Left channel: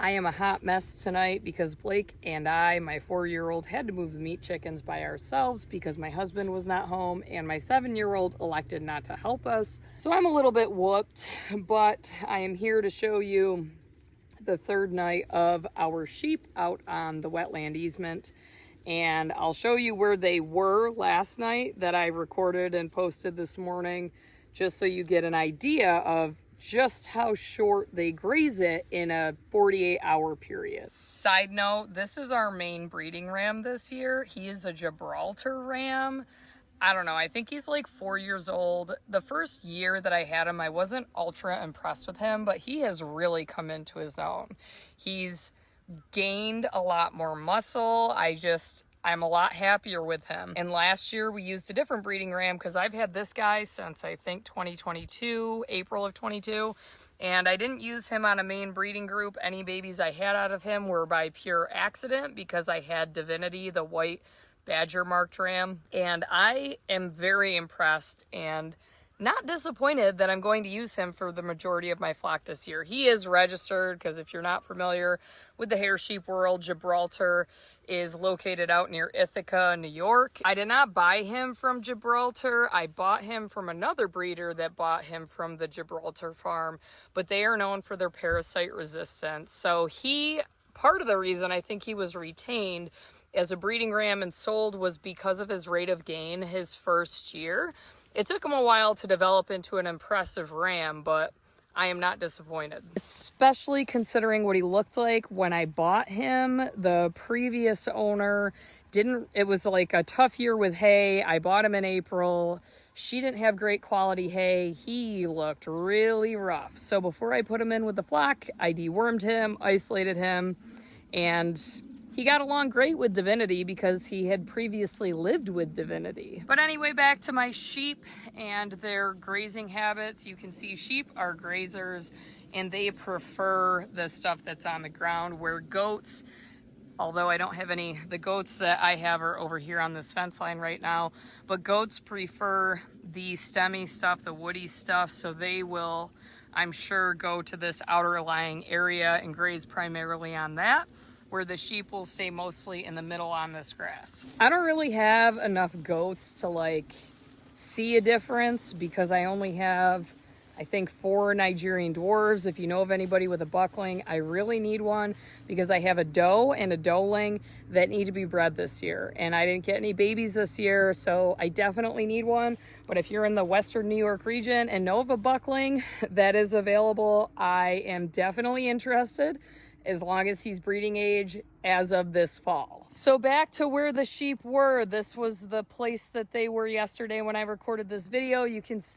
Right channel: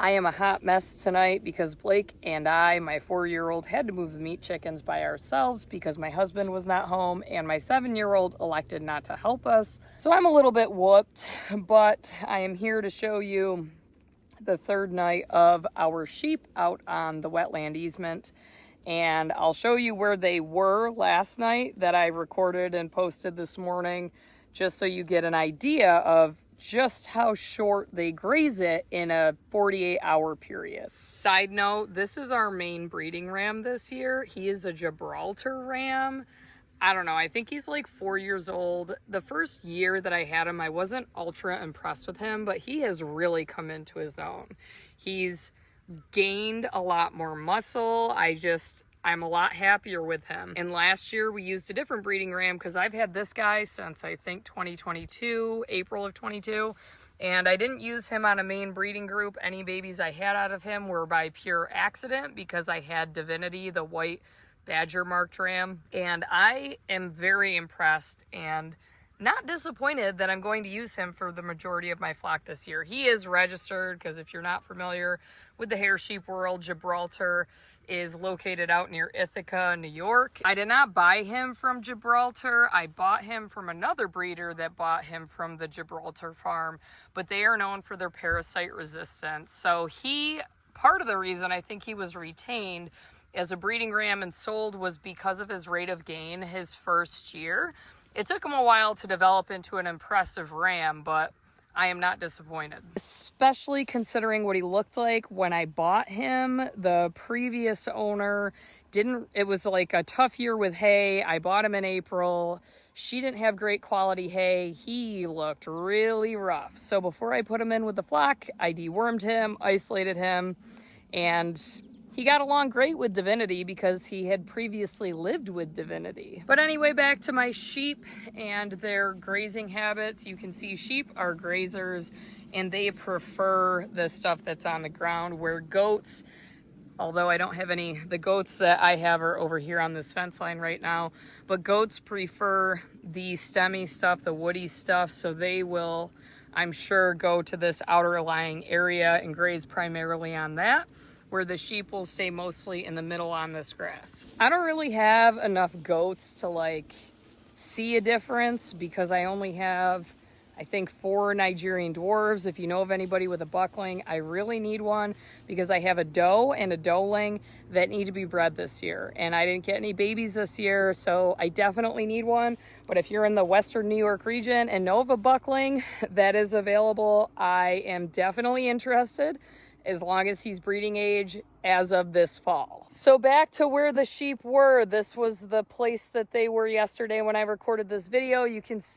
I am a hot mess tonight because Blake and I, my 4-year-old, had to move the meat chickens by ourselves because my husband was not home and my 7-year-old elected not to help us. So I'm a little bit whooped, but I am here to show you the third night of our sheep out on the wetland easement. And I'll show you where they were last night that I recorded and posted this morning, just so you get an idea of just how short they graze it in a 48-hour period. Side note, this is our main breeding ram this year. He is a Gibraltar ram. I don't know, I think he's like 4 years old. The first year that I had him, I wasn't ultra impressed with him, but he has really come into his own. He's gained a lot more muscle. I'm a lot happier with him. And last year we used a different breeding ram because I've had this guy since I think 2022, April of 22. And I didn't use him on a main breeding group. Any babies I had out of him were by pure accident because I had Divinity, the white badger marked ram. And I am very impressed and not disappointed that I'm going to use him for the majority of my flock this year. He is registered because if you're not familiar with the hair sheep world, Gibraltar is located out near Ithaca, New York. I did not buy him from Gibraltar. I bought him from another breeder that bought him from the Gibraltar farm, but they are known for their parasite resistance. So part of the reason I think he was retained as a breeding ram and sold was because of his rate of gain his first year. It took him a while to develop into an impressive ram, but I am not disappointed. Especially considering what he looked like when I bought him. The previous owner it was like a tough year with hay. I bought him in April. She didn't have great quality hay. He looked really rough. So before I put him in with the flock, I dewormed him, isolated him, and he got along great with Divinity because he had previously lived with Divinity. But anyway, back to my sheep and their grazing habits. You can see sheep are grazers and they prefer the stuff that's on the ground, where goats, although I don't have any, the goats that I have are over here on this fence line right now, but goats prefer the stemmy stuff, the woody stuff, so they will, I'm sure, go to this outer lying area and graze primarily on that, where the sheep will stay mostly in the middle on this grass. I don't really have enough goats to see a difference because I only have, I think, 4 Nigerian dwarves. If you know of anybody with a buckling, I really need one because I have a doe and a doeling that need to be bred this year. And I didn't get any babies this year, so I definitely need one. But if you're in the Western New York region and know of a buckling that is available, I am definitely interested, as long as he's breeding age as of this fall. So back to where the sheep were. This was the place that they were yesterday when I recorded this video. You can see